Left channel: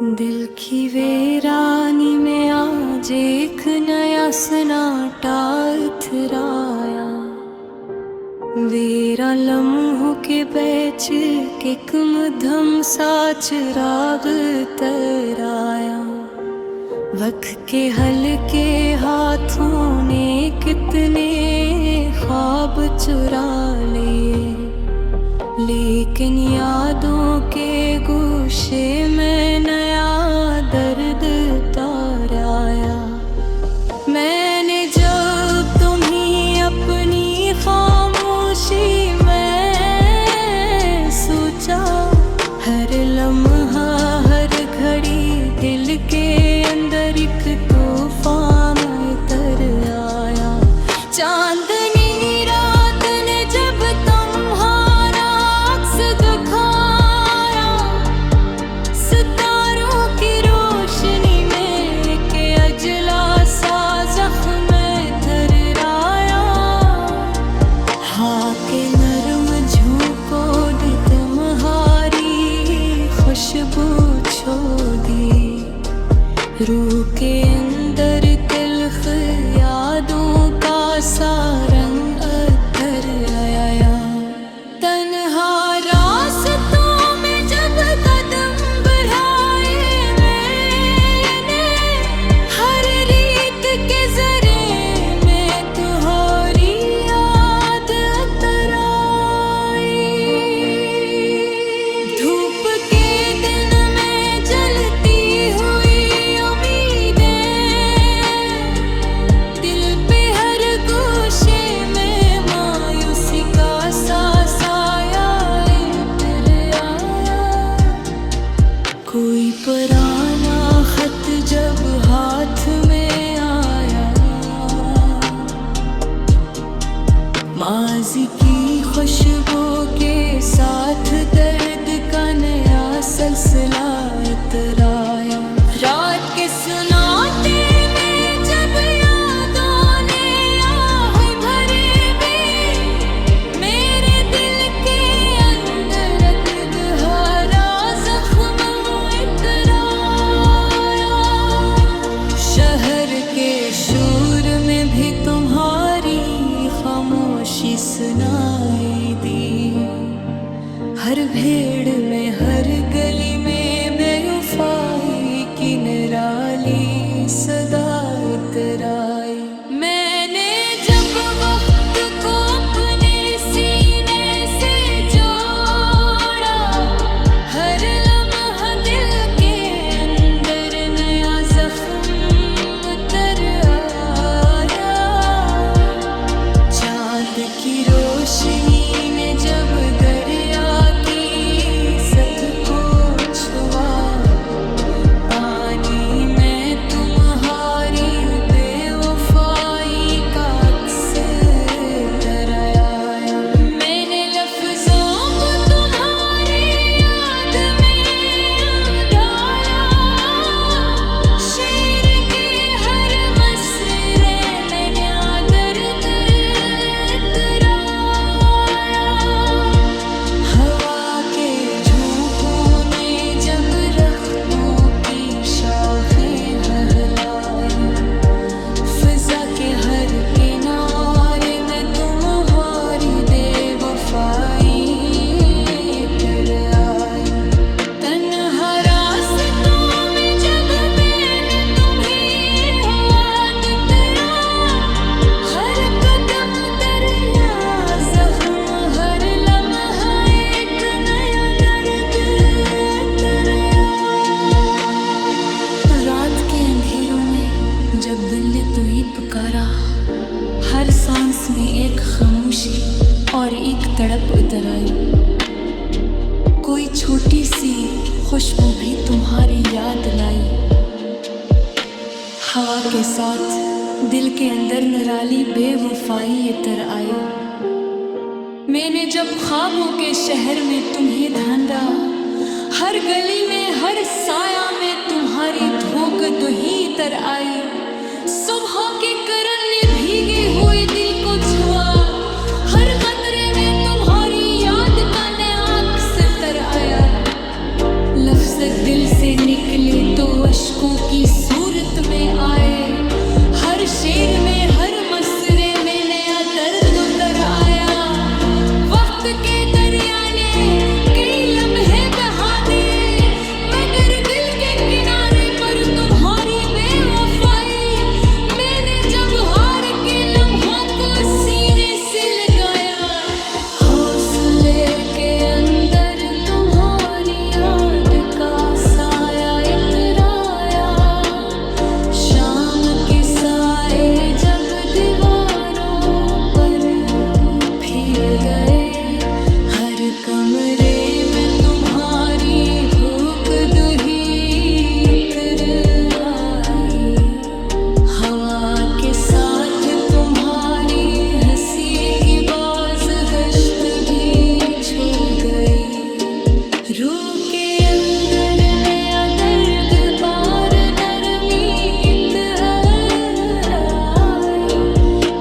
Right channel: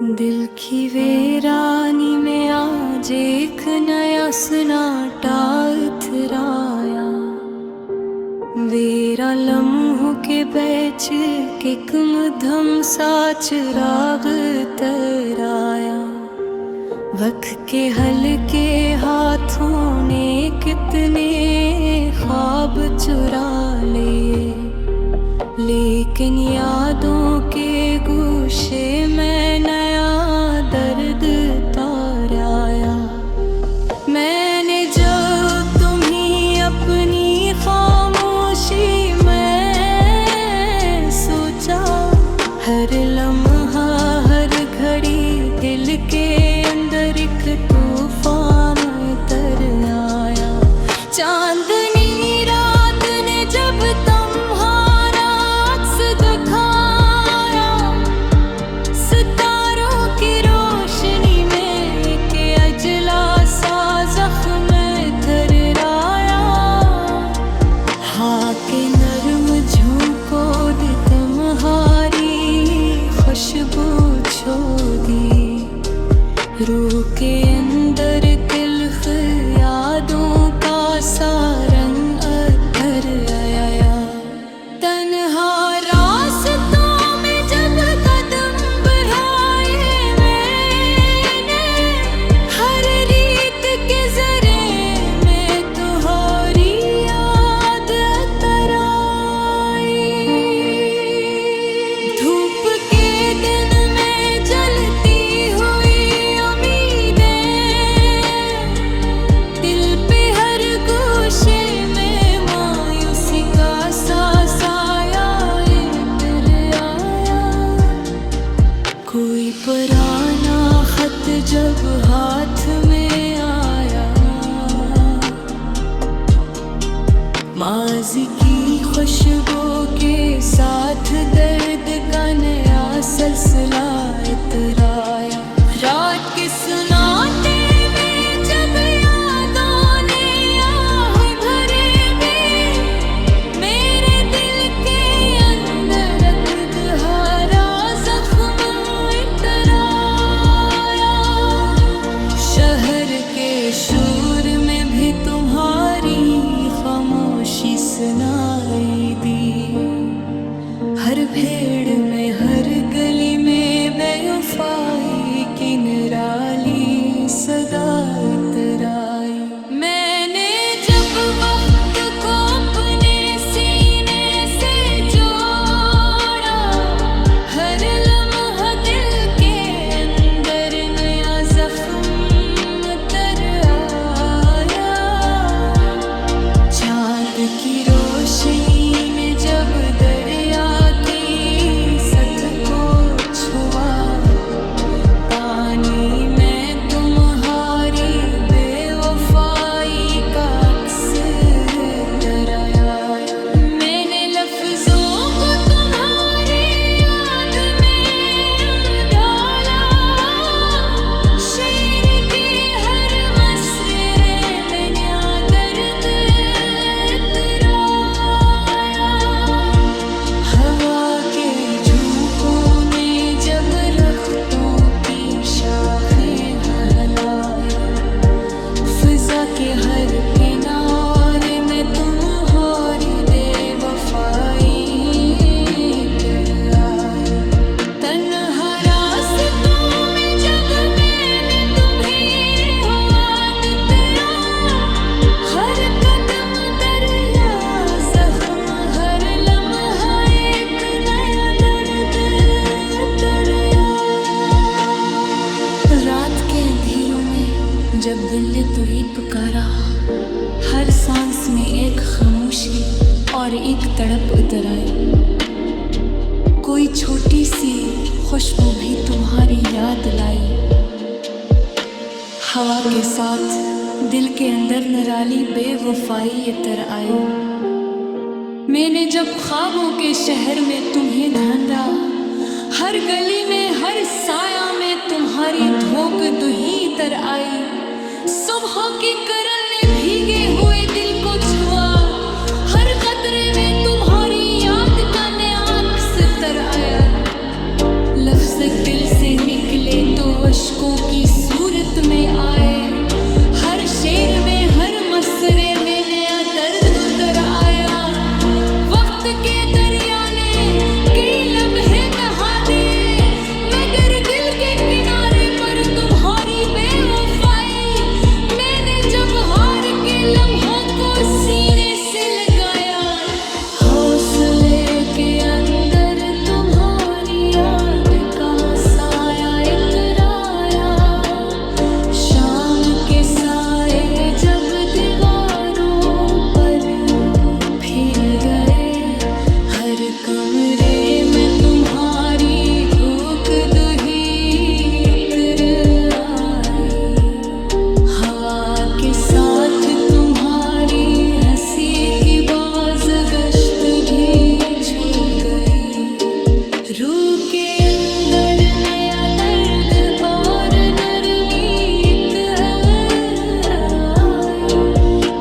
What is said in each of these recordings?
दिल की वीरानी में आज एक नया सन्नाटा उतराया। वेरा लम्हों के बैच के मध्यम सा चिराग तराया। वक्त के हल्के हाथों ने कितने ख्वाब चुरा लिए, लेकिन यादों के गुच्छे में नया दर्द ताराया। मैंने जब तुम्हें अपनी खामोशी में सोचा, हर लम्हा हर घड़ी दिल के अंदर एक तूफान उतर आया। चांदनी रात ने जब तुम्हारा अक्स दिखाया, सितारों की रोशनी में के अजला सा जख्म थर्राया। हाँ के नरम झोंकों दी तुम्हारी खुशबू छो दी, रूह के अंदर तिल्ख यादों का सा रंग अतर आया। तन्हा रास्तों में जब कदम बढ़ाए मैंने, हर रीत के जरे में तुम्हारी याद अतर आई। धूप के दिन में जलती हुई उम्मीदें, दिल पे हर गोशे में मायूसी का सा साया इतर आया। कोई पुराना खत जब हाथ में आया, माज़ी की खुशबू के साथ दर्द का नया सिलसिला इतर आया। रात के सुनाते में जब यादों ने आह भरे भी, मेरे दिल के अंदर एक गहरा जख्म इतर आया। शहर के शोर में भी तुम्हारी खामोशी सुनाई दी, हर भेड़ में हर गली में बेवफाई की निराली सदा इतर आई। मैंने जब वक्त को अपने सीने से जोड़ा, हर लम्हा दिल के अंदर नया जख्म तर आया। चाँद की रोशनी ने जब दरिया की सतह को छुआ, पानी में तुम्हारी बेवफाई का अक्स तर आया। मैंने लफ्जों को तुम्हारी याद में ढाला, शेर के हर मसरे में नया दर्द इतर आया। हवा के झोंकों ने जब दरख्तों की शाखें हलाई, फिजा के हर किनारे में तुम्हारी बेवफाई इतर आया। तन्हा रास्तों में जब मैंने तुम्हें याद किया, हर कदम दरिया जख्म, हर लम्हा एक नया दर्द इतर आया। रात के अंधेरों में जब दिल ने तुही पुकारा, हर सांस में एक खामोशी और एक तड़प उतर आई। कोई छोटी सी खुशबू भी तुम्हारी याद लाई, हवा के साथ दिल के अंदर निराली बेवफाई इतर आई। मैंने जब ख्वाबों के शहर में तुम्हें ढूंढा, हर गली में हर साया में तुम्हारी धोख दुही इतर आई। सुबह के किरण ने भीगे हुए दिल को छुआ, हर कतरे में तुम्हारी याद का नया अक्स इतर आया। लफ्ज़ दिल से निकले तो अश्कों की सूरत में आए। हर शेर में हर मसरे में नया दर्द उतर आया। वक्त के दरिया ने कई लम्हे बहा दिए, मगर दिल के किनारे पर तुम्हारी बेवफाई। मैंने जब हार के लम्हों को सीने से लगाया, हौसले के अंदर तुम्हारी याद का साया इतराया। शाम के साए जब दीवारों पर फिर गए, हर कमरे में तुम्हारी भूख दुही इतर आई। हवा के साथ तुम्हारी हंसी की बाज गश्त भी छू गई। रूह के अंदर नया दर्द और नरमी इतर आई।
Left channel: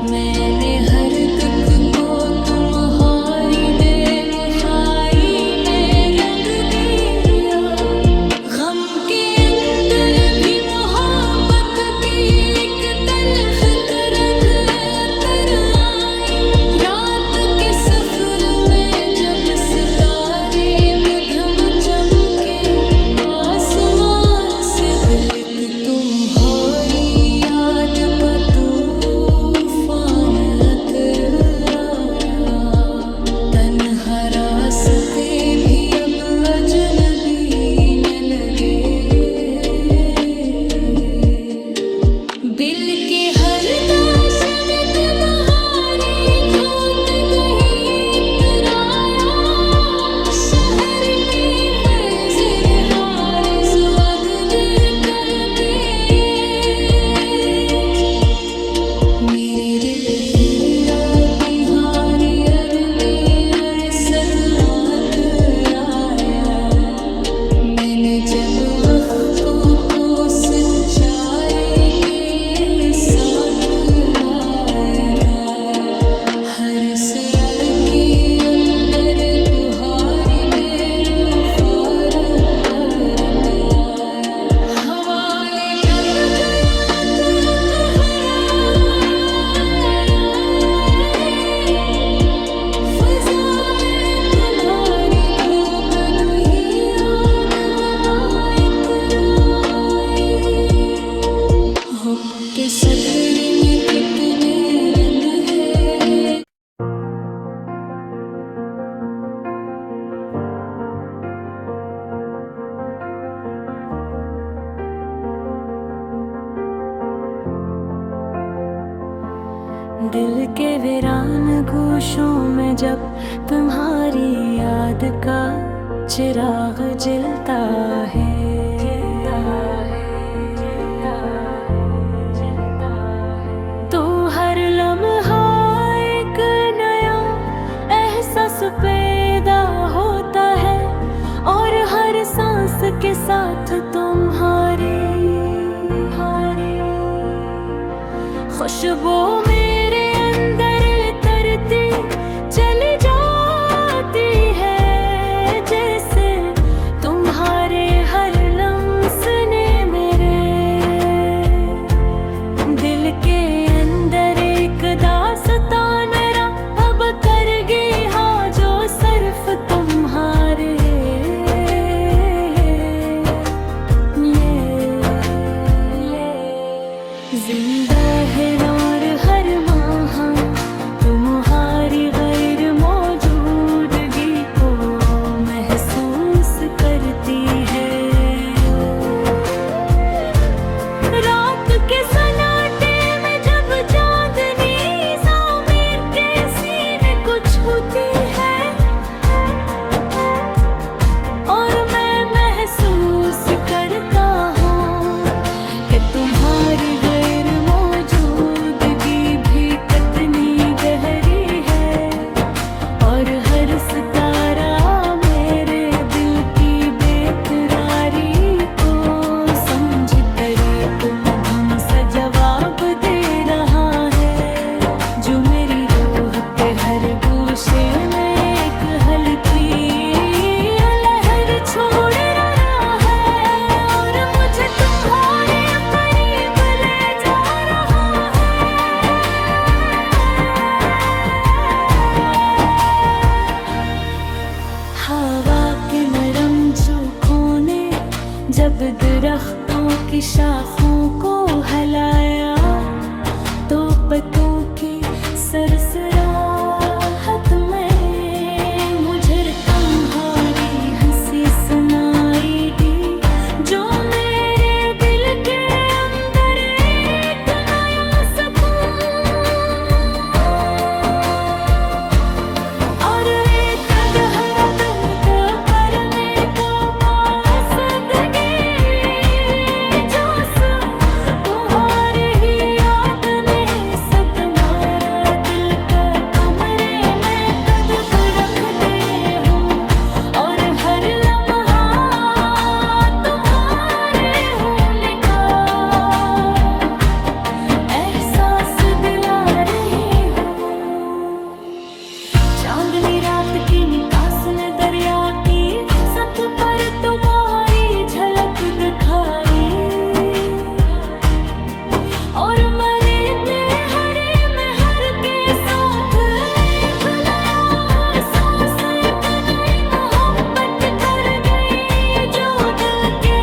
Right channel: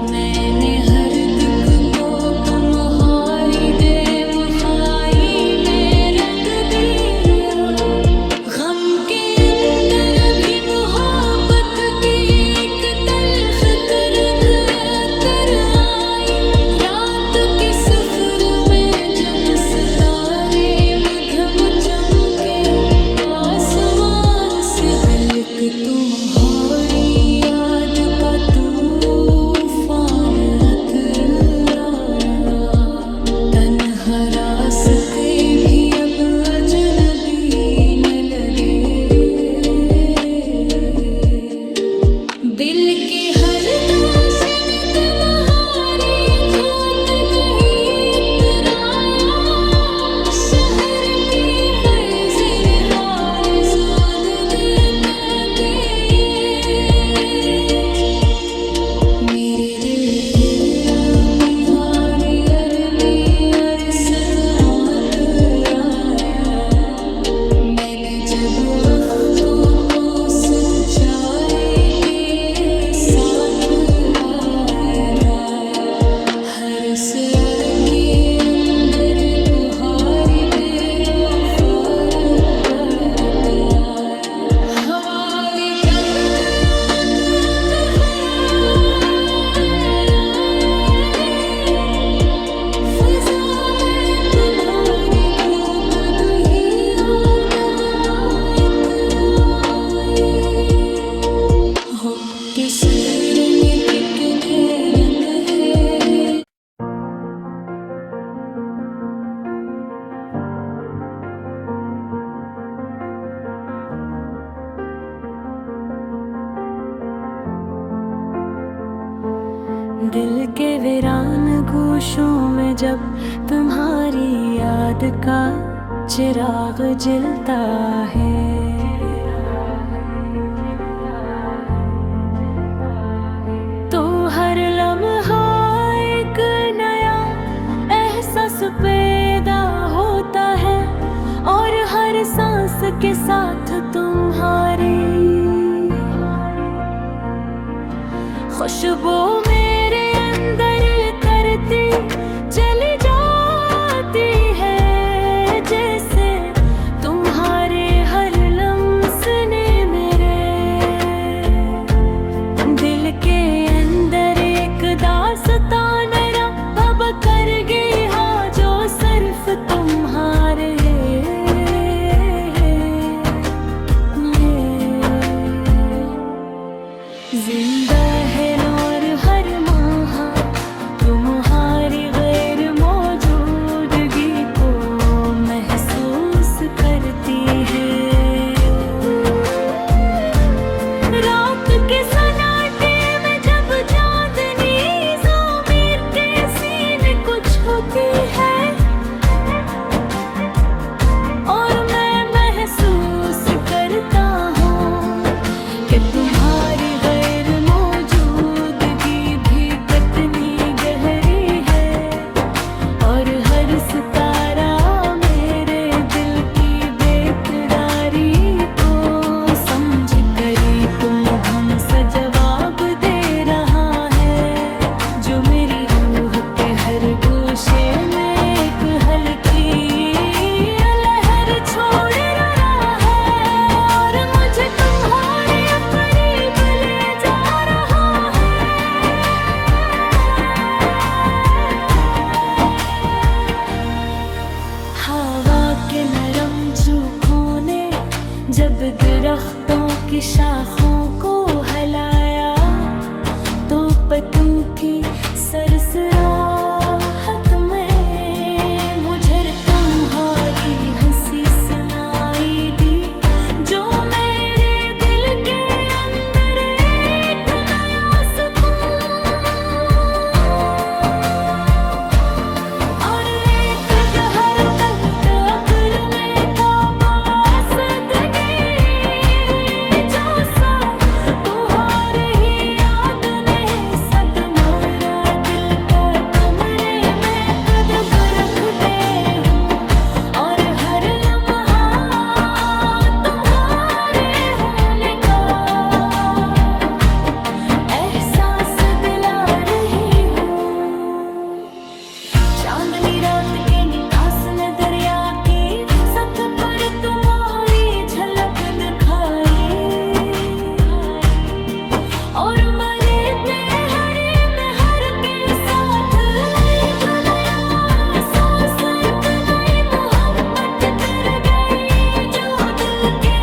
मैंने हर दुख को तुम्हारी बेवफाई में रंग दिया। गम के अंदर भी मोहब्बत की एक तल्ख करन तर आई। रात के सफर में जब सितारे मुधम चमके, आसमान से दिल की तुम्हारी याद का तूफान अतर आया। तन्हा रास्ते भी अब अजनबी न लगे। दिल के हर दाश में तुम्हारी धोत गई इतराया। शहर के वज़ीर हारिस वंद देता पेश। मेरे दिल तेरा निहारी में अरसद मात आया। मैंने जब वक्त को सच्चारे के साथ वायदा, हर सर के अंदर तुम्हारी बेरोफार कर आया। हवाले कब गया तो फजा में तुम्हारी धूप दुही याद बहाई तराई। हुक के सफर में कितने रंग है। दिल के वीरान गोशों में जब तुम्हारी याद का चिराग जलता है, तो हर लम्हा एक नया एहसास पैदा होता है। और हर सांस के साथ तुम्हारी खुशबू मेरे अंदर तरती चली जाती है। जैसे तुम्हारे हर लम्स ने मेरे दिल के अंदर एक दास्तां मेरा अब कर गया, जो सिर्फ तुम्हारे जिंदा है। और हर माह तुम्हारी गैर मौजूदगी को महसूस करती है। रात के सन्नाटे में जब चांदनी ज़मीर के सीने को छूती है, और मैं महसूस करता हूँ कि तुम्हारी गैर मौजूदगी भी कितनी गहरी है। और हर सितारा मेरे दिल की बेकरारी को समझ कर तुम हम सा जवाब दे रहा है। जो मेरी रूह के हर गोशे में एक हल्की लहर छोड़ रहा जब दरख्तों की शाखों को हलाया तो पत्तों की सरसराहट में मुझे तुम्हारी हंसी सुनाई दी, जो मेरे दिल के अंदर एक नया सुकून और एक गहरा दर्द करने का बास दगी, जो कुहार ही याद ने सतमारा दिल का कमरे में कदम रख दे हूँ, और हर लम्हा तुम्हारे होने का एहसास दिला रही हूँ। चांदनी रात के निकास ने दरिया की सत पर तुम्हारी झलक दिखाई, और मरे ने हरे में हर के साथ एक नया एहसास, एक नई मोहब्बत तर गई, जो दिल के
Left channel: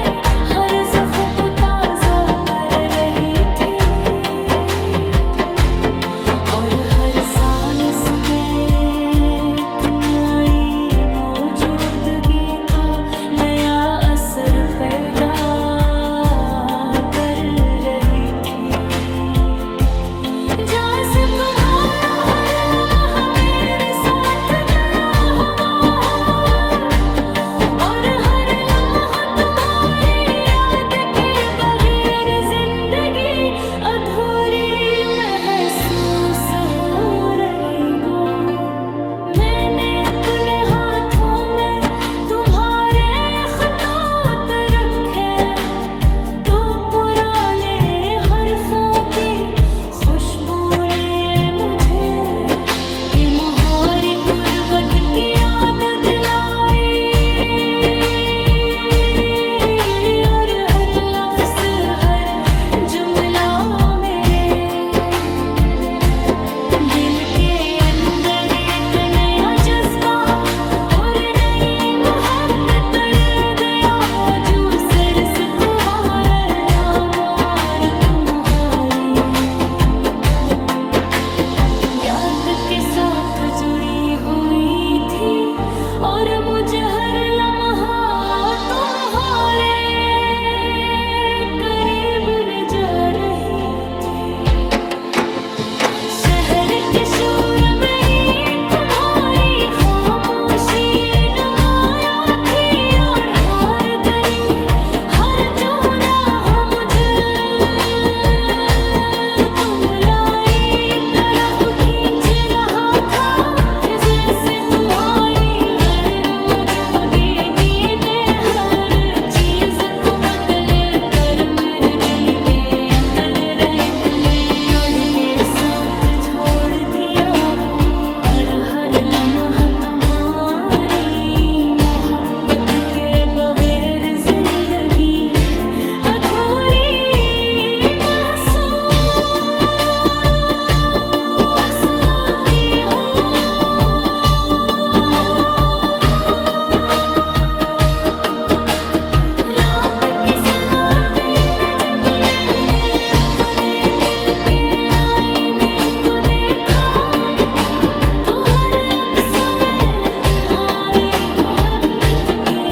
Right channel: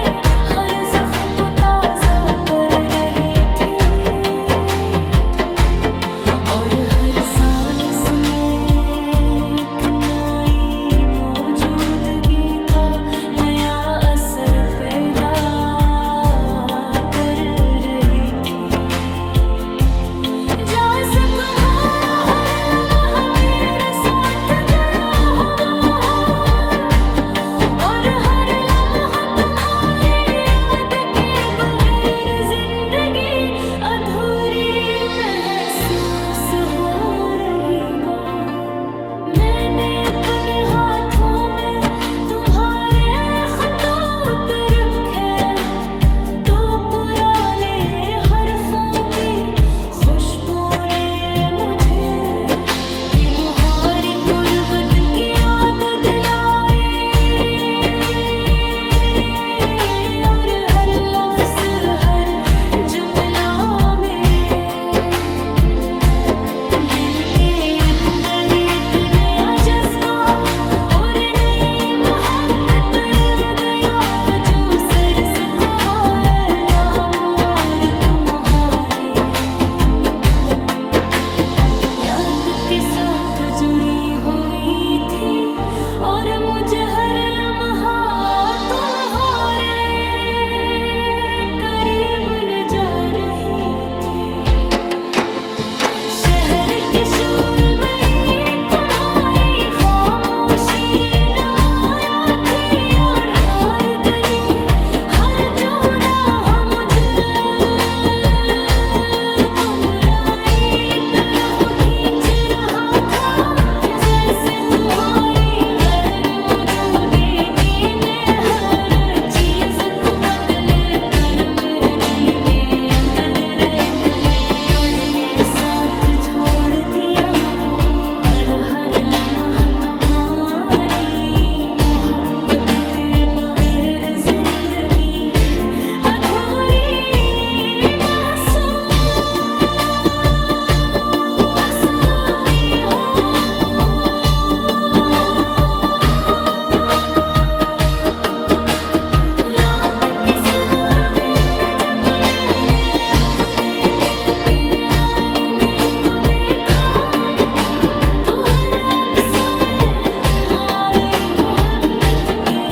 हर जख्म को ताजा कर रही थी, और हर सांस में एक नई मौजूदगी का नया असर पैदा कर रही थी। जैसे तुम्हारा हर लम्हा मेरे साथ जुड़ा हुआ हो, और हर लम्हा तुम्हारी याद के बगैर जिंदगी अधूरी महसूस हो रही हो। मैंने अपने हाथों में तुम्हारे खतूत रखे, तो पुराने हरफों की खुशबू ने मुझे ये मुहारी गुर्बत की याद दिलाई, और हर लफ्ज हर जुमला मेरे दिल के अंदर एक नया जज्बा और नई मोहब्बत कर गया, जो सरस कुहारा लामार तुम्हारी याद के साथ जुड़ी हुई थी, और मुझे हर लम्हा तुम्हारे करीब ले जा रही थी। शहर के शोर मेरी तुम्हारी खामोशी नमाया थी, और हर गली हर चौराहा मुझे तुम्हारी तरफ खींच रहा था, कि जैसे तुम्हारी गैर मौजूदगी ने हर चीज को बदले कर मेरे दिल के अंदर रहने और के साथ छोड़ दिया हो, और हर लम्हा तुम्हारी मोहब्बत के बगैर जिंदगी अधूरी महसूस होती हो। रात की सन्नाटे में जब मैंने अपने दिल के आईने को देखा, तो हर अक्स में तुम्हारी मोहब्बत के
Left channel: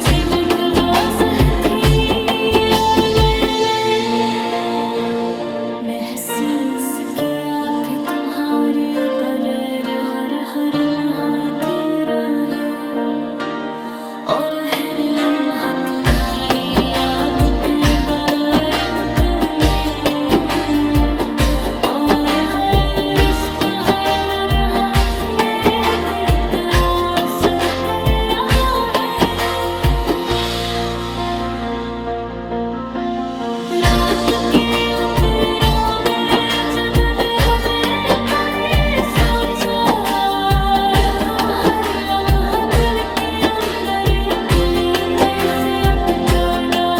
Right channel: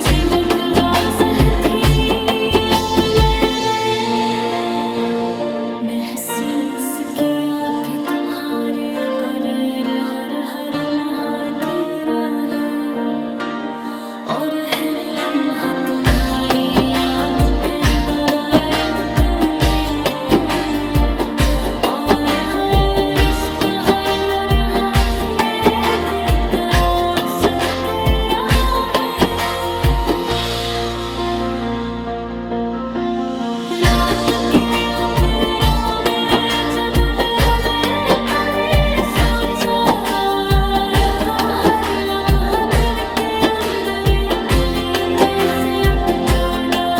झलक वाज़ह थी, और मैंने महसूस किया कि तुम्हारे बगैर हर हर महातेरा है, और हर लम्हा तुम्हारी याद के बगैर निकले, और हर रिश्क हर नरहा मेरे दिल पर असर कर रहा है। रात के अंधेरों में जब मेरा मेरे करे सोचा, हर लम्हा दिल के अंदर एक कैफियत जोड़ा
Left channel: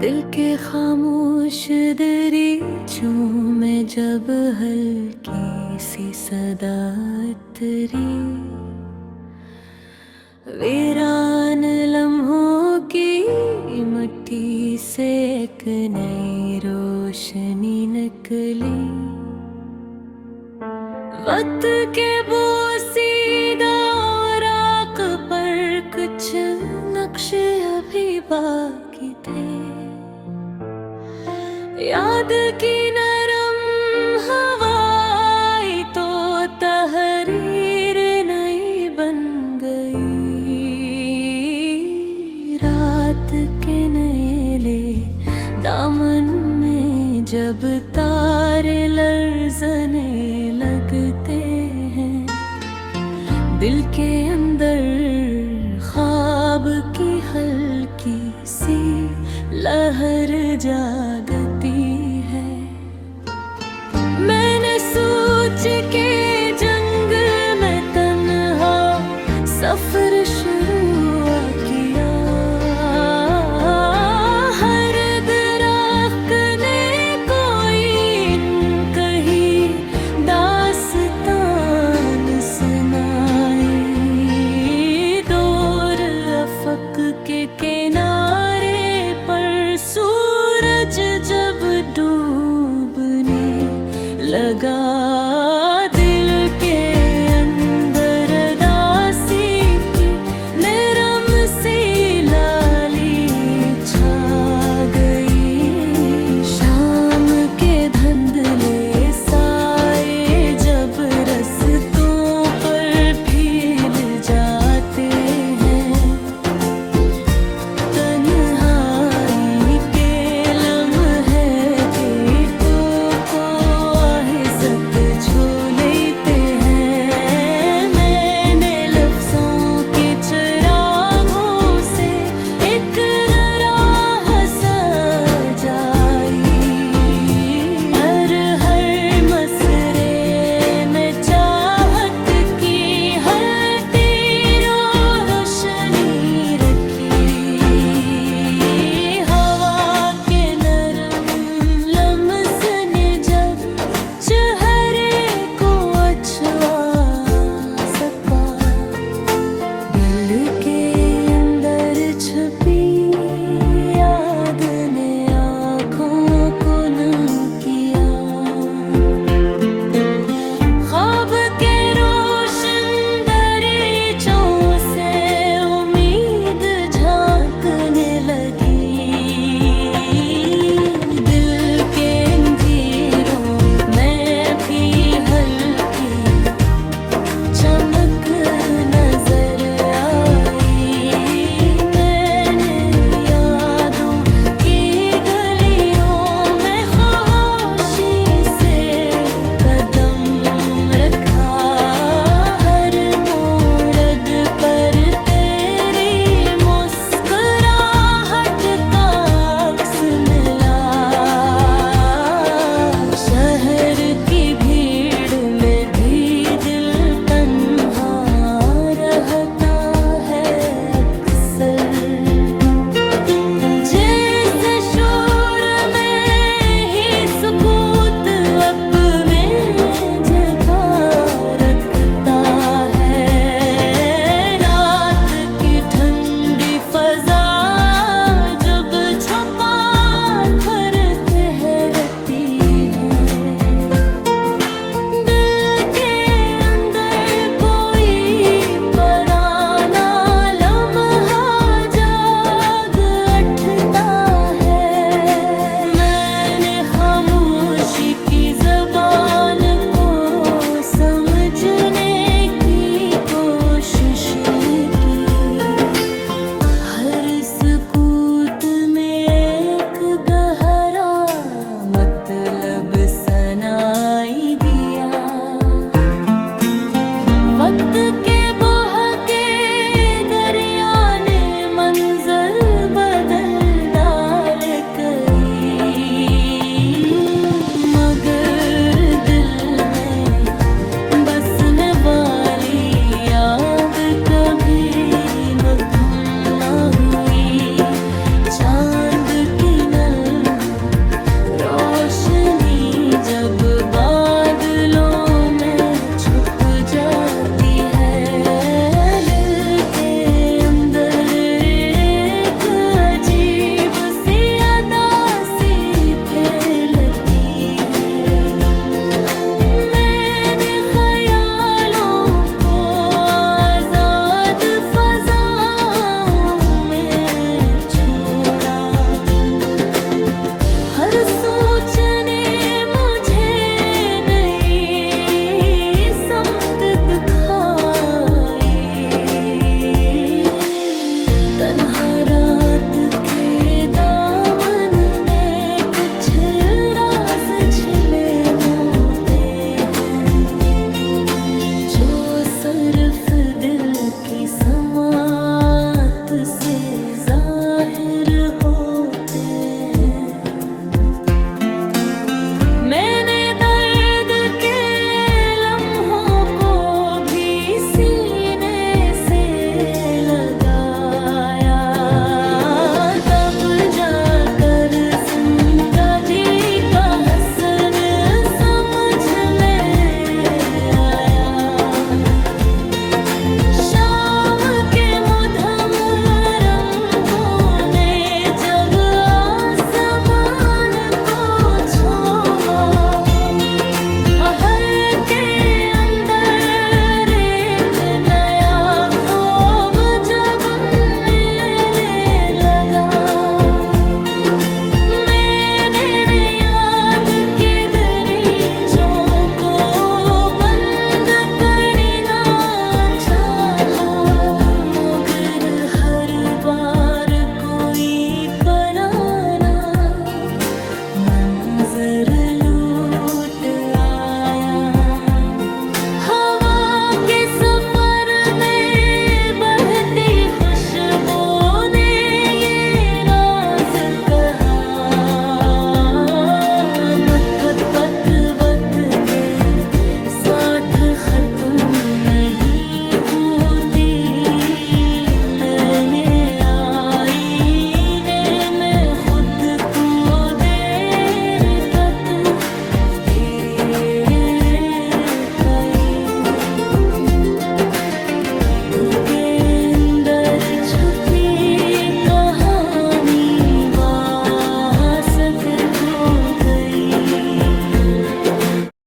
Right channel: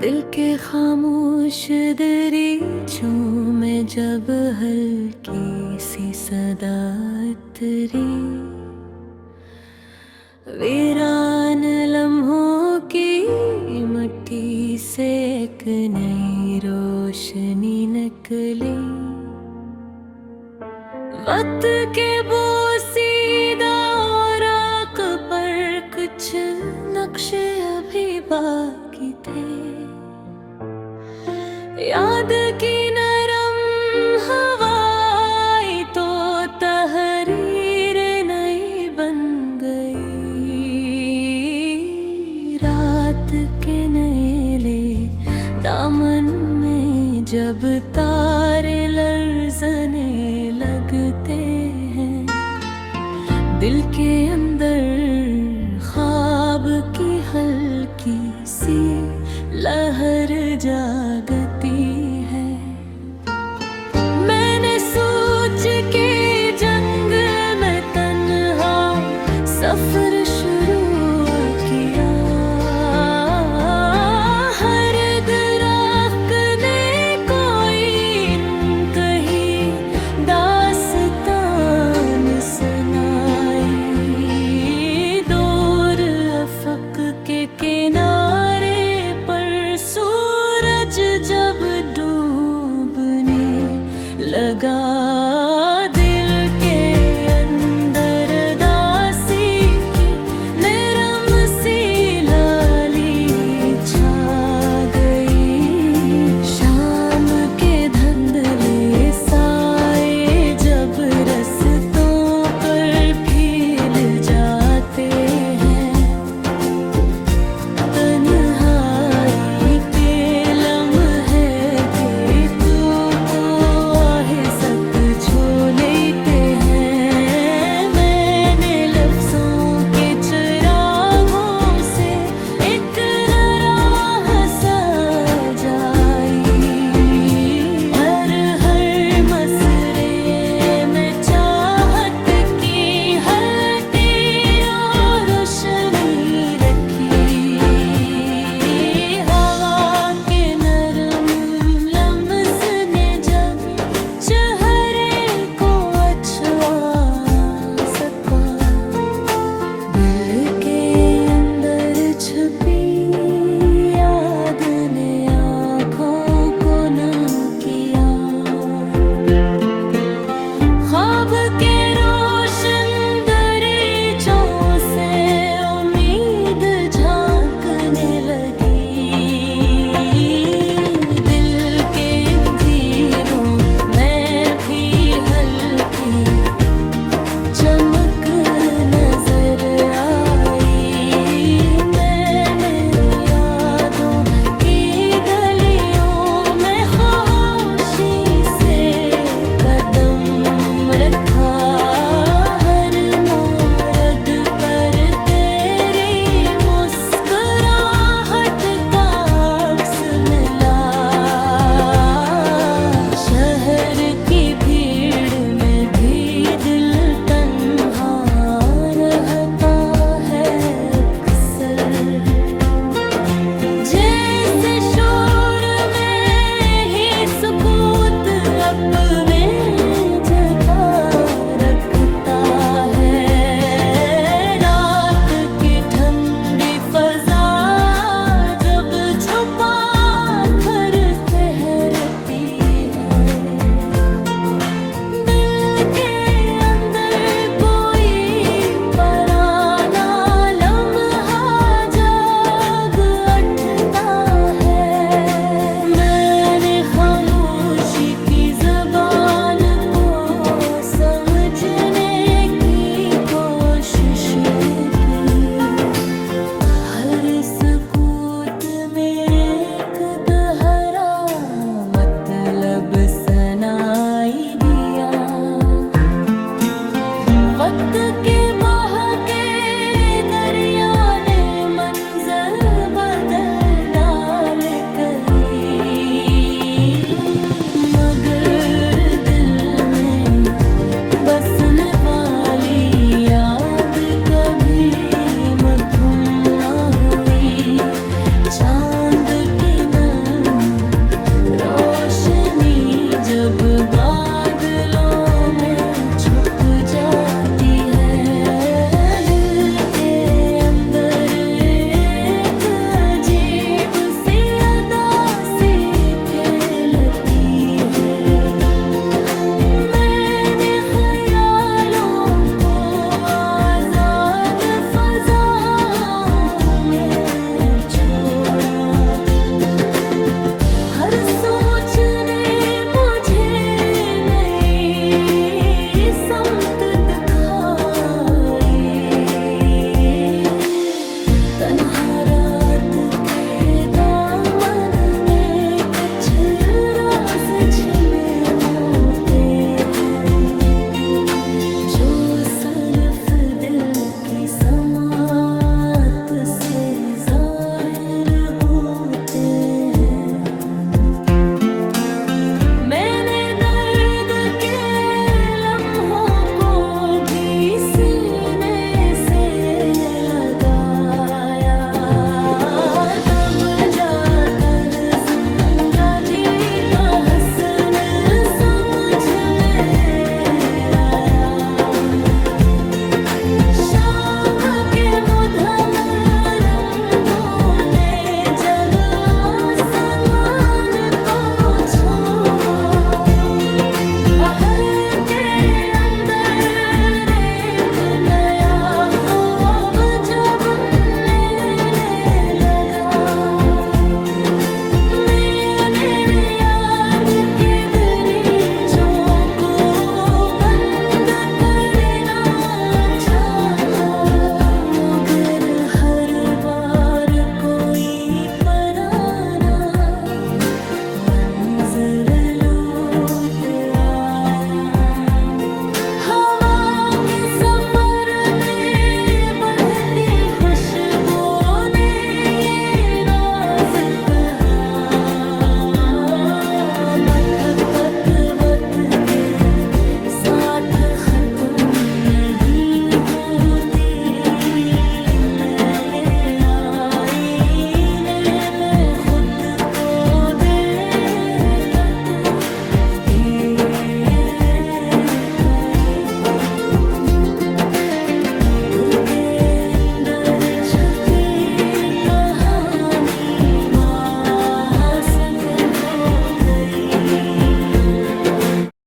दिल के खामोश दरीचों में जब हल्की सी सदा तेरी, वीरान लम्हों की मिट्टी से एक नई रोशनी निकली। वक्त के बोसीदा राख पर कुछ नक्शे अभी बाकी थे, याद की नरम हवाई तो तहरीर नई बन गई। रात के नैले दामन में जब तारे लर्ज़ने लगते हैं, दिल के अंदर ख्वाब की हल्की सी लहर जागती है। मैंने सोच के जंग में तन्हा सफर शुरू किया, हर दरख्त ने कोई कही दास्तान सुनाई। दूर अफक के किनारे पर सूरज जब डूबने लगा,